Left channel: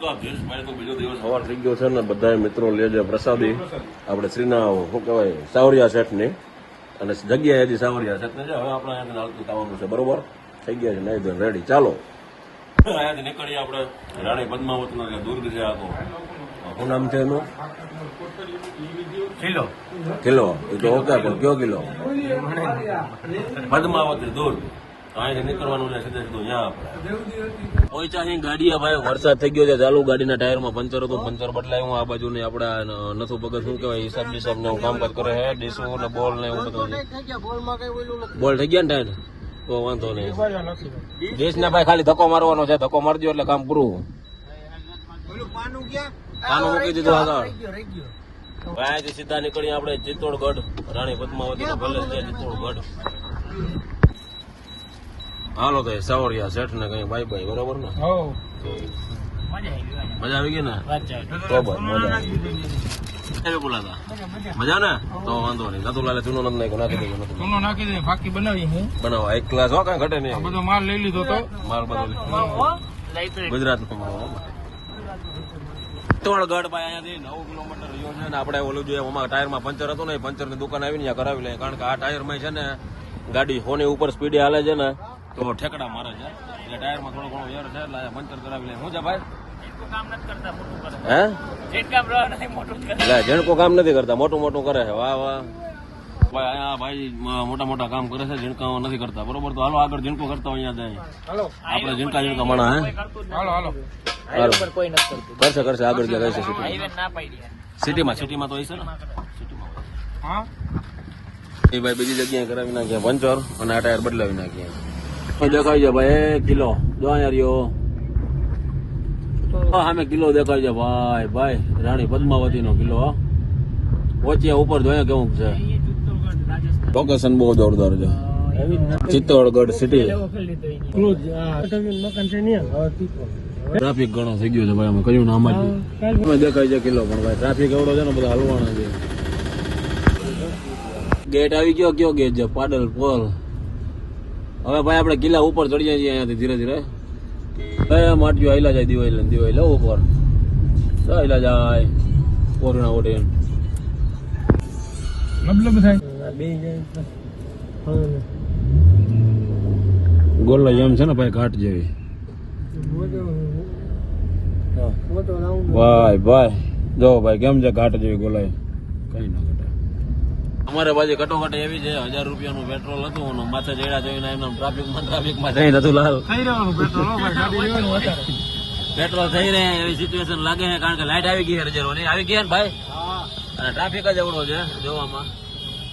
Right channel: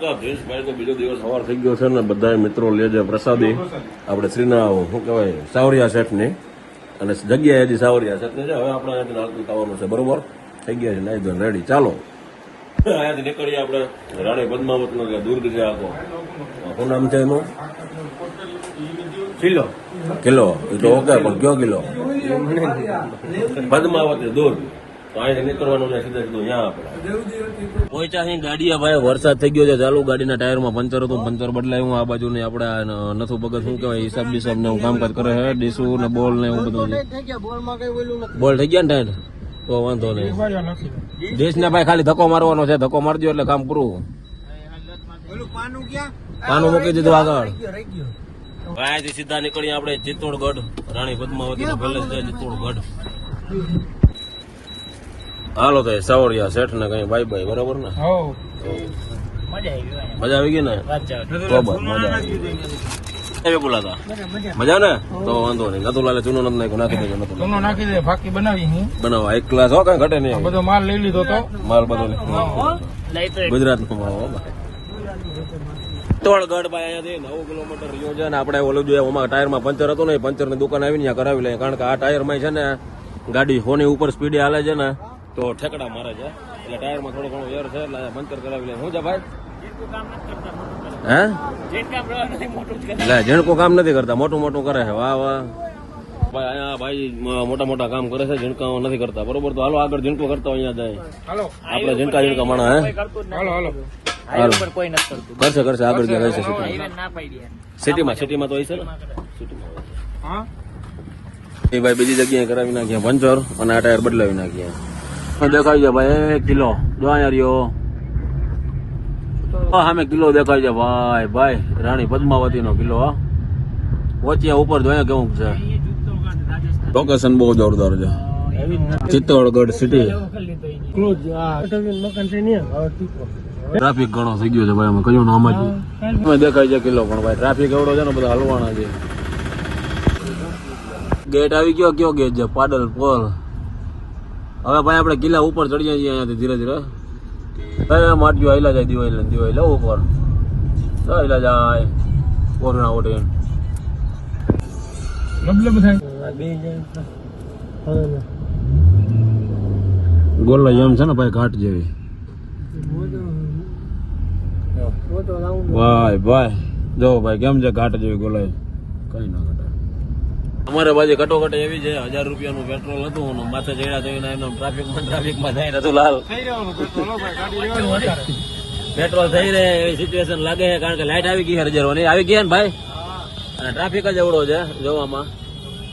તો જયેશભાઈ તો બીજો દિવસ સવાર થઈ ગયો છે ને બધા મિત્રો લે છે પ્રસાદી આપણે શ્રીના શું કહેવાય સાવરિયા શેઠની અને જગ્યાએ હજી સાવરિયા શેઠને છે. હવે આપણે થવાનું છે બરોબર થઈ ગયા છે રેડી. ચાલો અહીંયાથી નીકળીએ આપણે રાણી પદ્માવતીનો કે દૂર છે આખો શું નામ છે એનું કિલો કિલો એ તો ઓકે પણ કયો કિલો પદ્માવતી દૂર અહીંથી નીકળવાનું છે સીધે સીધું ત્યાં આપણે પહોંચ્યા ગાડી ભાઈ વરસાદ થઈ ગયો છે ચાલુ ગાડીના ટાયરમાં પંચર હતું પંચર બદલાયું આ બાજુ ને આપણે નથુ ભગત શું કહેવાય હિસાબ બિસાબ ને એવું કામકાજ કરે છે ડીસો ને બોલ ને એવું બધું બોલ થઈ ગયા ને ટાઈમ તો વાંધો નહીં દેશ ને ભાઈ ખાલી ધક્કો મારવાનો છે ધક્કો મારી દો એટલે કામ પૂરું. પાનું મૂકી દીધું આગળ ભાઈ સીધા નીકળી આપણે ચિત્તોડગઢ રાણી પદ્માવતી પેલેસ છે ચિત્તોડગઢ. હાલો તો સાવરિયા શેઠ ને કઈ બાય બાય બરાબર ને મજા આવી ગઈ ને બોલાતા મજા ને તો વાંધો નહીં નતું લાલે ચૂનો નથી નાખી દે ફાકી બનાવવા એક ક્લાસ હો કઈ ઘટે નહીં બધો માલ લઈ લીધો તો માલ બધો ગુજરાત ચિત્તોડગઢ ભાઈ અહીંયાથી 9 કિલોમીટર રહ્યો છે ને આપણે ઓલું જોઈએ એમાં ટાયરમાં પંચર હતું ને પંચર ની દુકાન આવીને કરાવી લે કારણ કે આ ટાયરમાં છે ને ગાડી ફોની ઉપર સ્પીડે હાલે છે ને તો ઠેકડા મારે છે એટલે ટાયરમાં થોડો ઘણો એર છે એટલે પંચર કરાવી લે. શું છે ભાઈ હા ઝીણકું કામ નથી કરતા મોટું મોટું કરે છે વાહ વાહ ભાઈ અહીંયા ભાઈ મોટા મોટા કામ કરે છે ઝીણકા નથી કરતા બરોબર. તો હાલો આગળ ઝીણકો કરતા અહીંયા જાય આપણે ઝીણકા મળે હે કરશે કરશે આગળ રહેશે સિટીમાં તો હોય છે ને એ ભાઈ બીજી જગ્યાએ કરાવી નાખીએ પંચર અને આ ટાયર બદલાવી નાખીએ. દેખાય છે ભાઈ કિલો જો અહીંયા રહ્યો સામે કિલો દેખાય છે ભાઈ ભાઈ રાણી પદ્માવતી નો કિલો વચ્ચે ઉપર જોયા કેવું છે લોકેશન બહુ જોરદાર છે ચિત્તોડગઢ સિટી. ટ્રાફિક ઘણો થઈ ગયો છે ભાઈ અમે કયો નામ જ દેખાય છે કિલો પણ ભાઈ ટ્રાફિક એવડો છે ને બધા હલવાના છે. ગેટ આવી ગયો કયો ગેટ છે પાડલ પોલ. હવે ભાઈ આપણે કિલ્લા ઉપર ચડી જઈએ અહીંયાથી ધીરે ધીરે માટીઓ આયલા જાય દિવાળી ઉપર આયલા જાય કોરોના ઓટે ગોલ્લા જેમ છે ને ભાઈ ઘાટ જેવી ભાઈ ભાઈ જો ભાઈ કેમ છે ઘાટ જેવી ગોલાઈ કઈ ના ઘટે. અમારે બાજુ કટોકટી એવી છે 1000 રૂપિયાનું પેટ્રોલ હતું અને માથે જઈને એના ટ્રાફિકમાં જઈ નતું લાલ પેટ્રોલ થઈને એવી સિચ્યુએશન લાગે છે કારણ કે લાઈટ આવી ગઈ હરજરવાની આવી ગયા ને ભાઈ ટ્રાફિક જ એવડો છે જોવામાં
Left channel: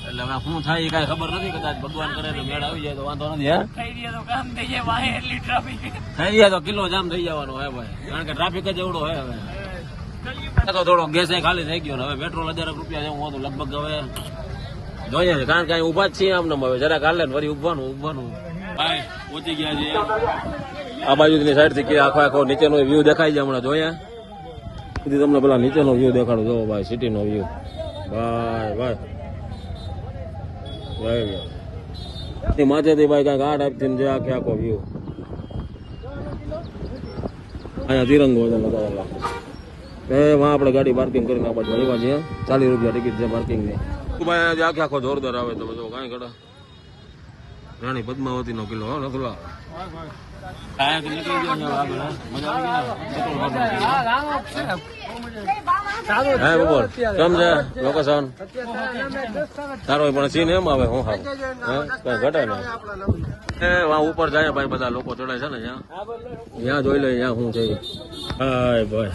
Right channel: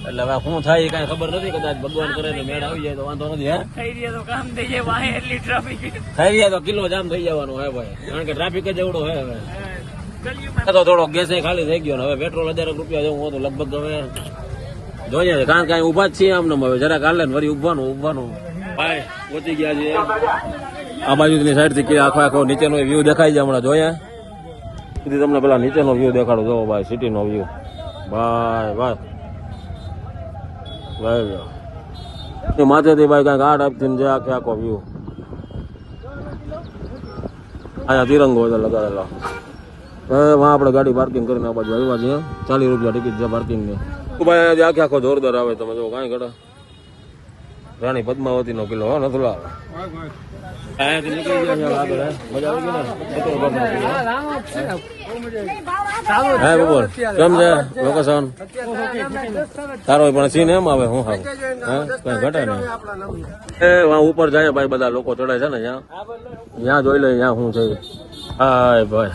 એટલે હવે શું થાય કઈ ખબર નથી કદાચ ભગવાન કરે તો મેળ આવી જાય તો વાંધો નથી. હે થઈ ગયા તો કિલો જામ થઈ જવાનો હે ભાઈ કારણ કે ટ્રાફિક જ એવડો હે. હવે તો થોડો ગેસ ખાલી થઈ ગયો હવે પેટ્રોલ 1000 રૂપિયા જેવું હતું લગભગ હવે જોઈએ છે કારણ કે ઉભા જ છીએ આમને હવે જરા કાલે ફરી ઉભવાનું ભાઈ પહોંચી ગયા છીએ આ બાજુની સાઈડ થી કે આખો નીચેનો વ્યૂ દેખાય છે હમણાં જોયા તમને પેલા નીચેનો વ્યૂ દેખાડું જો ભાઈ સિટીનો વ્યૂ ભાઈ ભાઈ ભાઈ માથેથી ભાઈ કાંઈક આ ટાઈપથી જે આખો વ્યૂ અહીંયા તિરંગો લગાવેલો એમાં આપણે ગાડી પાર્કિંગ કરીને આપણે એમાં છીએ 40 રૂપિયા ટિકિટ છે પાર્કિંગની. ભાઈ આખો જોરદાર આવે તમે જો કાંઈ ઘડે રાણી પદ્માવતી નો કિલ્લો નથી લાવ અહીંયાથી નીકળી ગયા આગળ મજા આવી ગઈ ને ચિત્તોડગઢ નો કિલ્લો હા બપોર સમજે લોકેશન સારો પણ સીન એમ આવે હું હા ઉપર જાય ભાઈ બધા લોકો ચડે છે ને ત્યાં જોઈ લે ત્યાં શું છે હા ભાઈ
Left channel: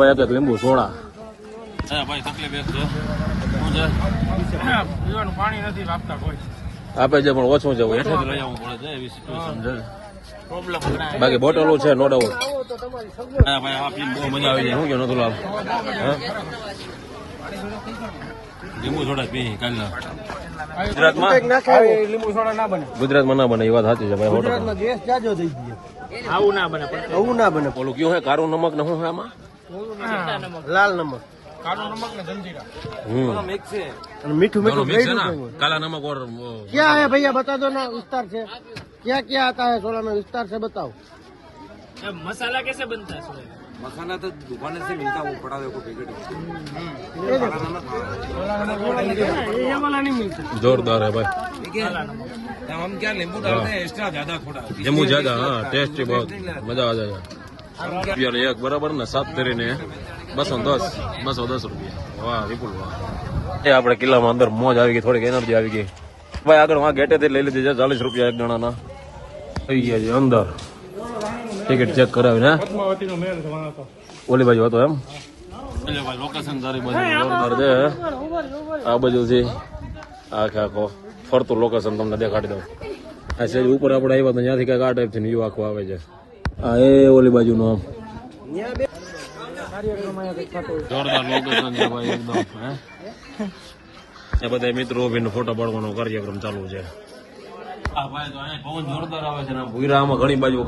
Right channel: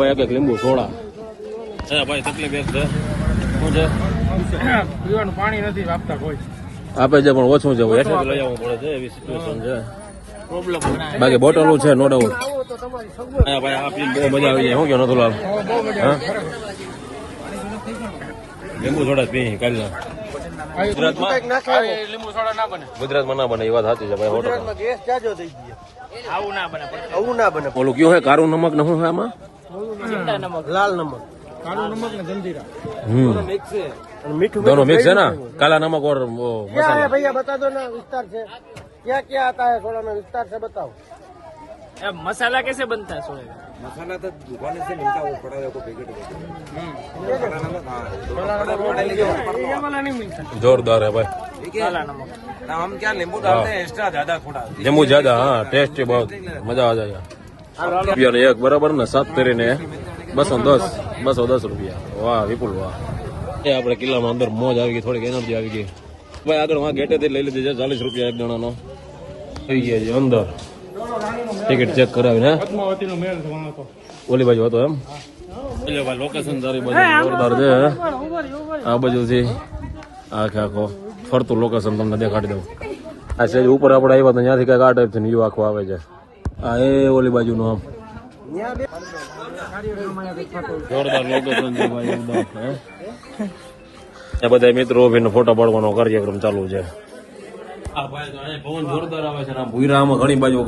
ભાઈ એક લીંબુ સોડા ભાઈ તકલીફ એક છે શું છે પીવાનું પાણી નથી આપતા કોઈ આપે છે પણ ઓછું છે હેઠેથી લઈ આવવું પડે છે એવી સિચ્યુએશન છે બાકી બોટલો છે નો ડાઉટ. ભાઈ આ પીને બહુ મજા આવી જાય શું કે નતો લાલ લીંબુ સોડા પી કાલે લીંબુ સોડા ના બને ગુજરાતમાં ના બને એવો છે ગુજરાતમાં ગેસ ક્યાં જો થઈ ગયો આવું ના બને ઓલું કયો હે કારું નમક ને શું છે આમાં લાલ નમક काला नमक ने जल्दीरा दोनों मिक्स है मीठू दोनों मिक्स है ना काला नमक और वो क्या है भैया बता दो ना विस्तार से क्या क्या आता है सोडा में विस्तार से बताओ. मसाला कैसे बनता है सोए? मसाला तो दुकान से मिलता है, वो पड़ा है, वो पैकेट पड़ा नमक। हाँ ये वाला नहीं मिलता। जोरदार है भाई, ठीक है ना, हम क्या नींबू डालते हैं एक्स्ट्रा ज्यादा थोड़ा, नींबू ज्यादा, हाँ टेस्टी बहुत, मजा आ जाएगा। રૂપિયા એક બરાબર ને 7 તરીને 210 રૂપિયા। વાહ વિપુલ વાહ, એ આપણે કિલ્લામાં અંદર મોજ આવી ગઈ, થોડીક એનર્જી આવી ગઈ ભાઈ। આગળ વાં ગેટેથી લઈ લીધી છે 40 રૂપિયા એક જણાના, થઈ ગયા છે અંદર। ટિકિટ ચેક કરાવીને ઓલી બાજુ હતો એમ, લોકેશન તારી બાજુ જોરદાર છે। આ બાજુથી આખો ફરતું લોકેશન તમને દેખાડી દઉં। આ છે ઉપર આપણે આવ્યા તો ત્યાંથી કઈક આ ટાઈપ છે, વ્યૂ આખો આવે છે। આ એ ઓલી બાજુનું આમ જોરદાર લોકેશન છે ભાઈ એકદમ। એ બધા મિત્રો ફોટા પાડવાનો કાર્યક્રમ ચાલુ છે। પવન જોરદાર આવે છે, ભૂરામાં ઘણી બાજુ,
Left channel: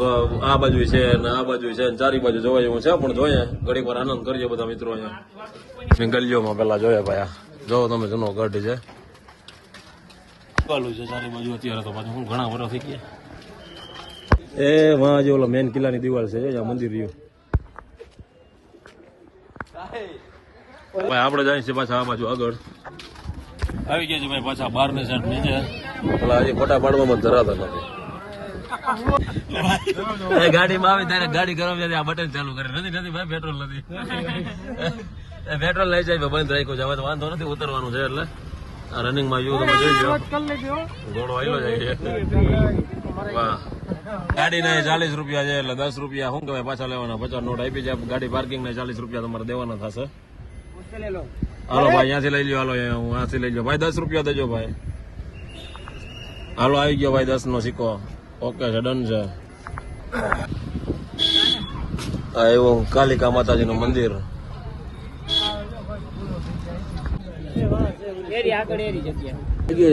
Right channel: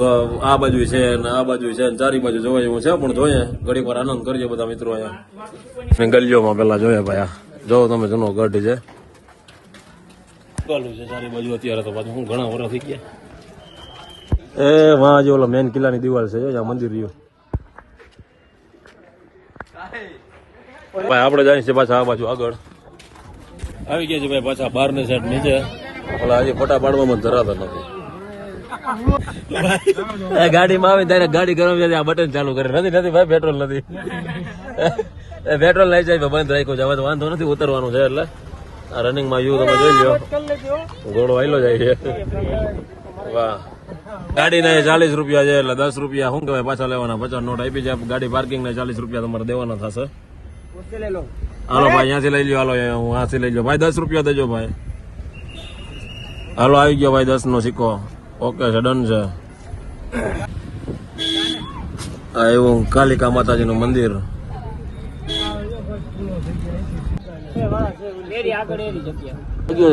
આ બાજુ છે ને આ બાજુ છે ને ચારી બાજુ જોવા જેવું છે, પણ જોઈએ ઘડી વાર આનંદ કરીએ બધા મિત્રો। અહીંયા ગલીઓમાં પેલા જોઈએ ભાઈ, જો તમે જૂનો ગઢ છે ચાલુ છે ચારી બાજુ અત્યારે તો પાછું હું ઘણા વર્ષ થઈ ગયા। એ વાં જે ઓલા મેન કિલ્લાની દિવાલ છે, આ મંદિર રહ્યું ભાઈ। આપણે જાય છે પાછા આ બાજુ આગળ આવી ગયા છે ભાઈ, પાછા બહારની સાઈડ નીચે ઓલા હજી ફોટા પાડવામાં ધરાતા હતા। ગાડીમાં આવે ત્યારે ગાડી ગરમ આ બટન ચાલુ કરે, નથી ભાઈ પેટ્રોલ નથી, પેટ્રોલ લઈ જાય બંધ રાખ્યું છે, હવે તો વાંધો નથી ઉતરવાનું છે। એટલે આ રનિંગમાં યુ તમે જોઈ લો, ઘોડો આવેલો જાય છે। વાહ, ગાડી ના 40 રૂપિયા છે, એટલે 10 રૂપિયા શું કહેવાય પાછા લેવાના, 50 નોટ આપી જાય ગાડી પાર્કિંગ ના 40 રૂપિયા તમારે દેવાના થશે। હાલો ભાઈ અહીંયાથી લઈ લો, હાલો હું અહીંયાથી લઈ લો ભાઈ, 10 રૂપિયા દેજો ભાઈ। હાલો આવી ગયો ભાઈ 10 નો સિક્કો, ઓકે છે, ડન છે। આ એવું કાલિકા માતાજી નું મંદિર,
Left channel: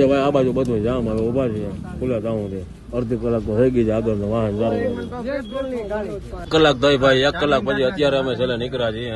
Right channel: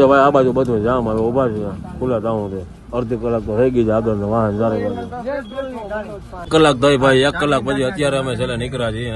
ભાઈ આ બાજુ બધું જામ, હવે ઉભા છે ખુલ્લા જાઉં છે, અડધી કલાક તો થઈ ગઈ છે આગળ વાહન ચાલે, કલાક થઈ ભાઈ, 1 કલાક પછી અત્યારે અમે છેલ્લે નીકળ્યા છીએ।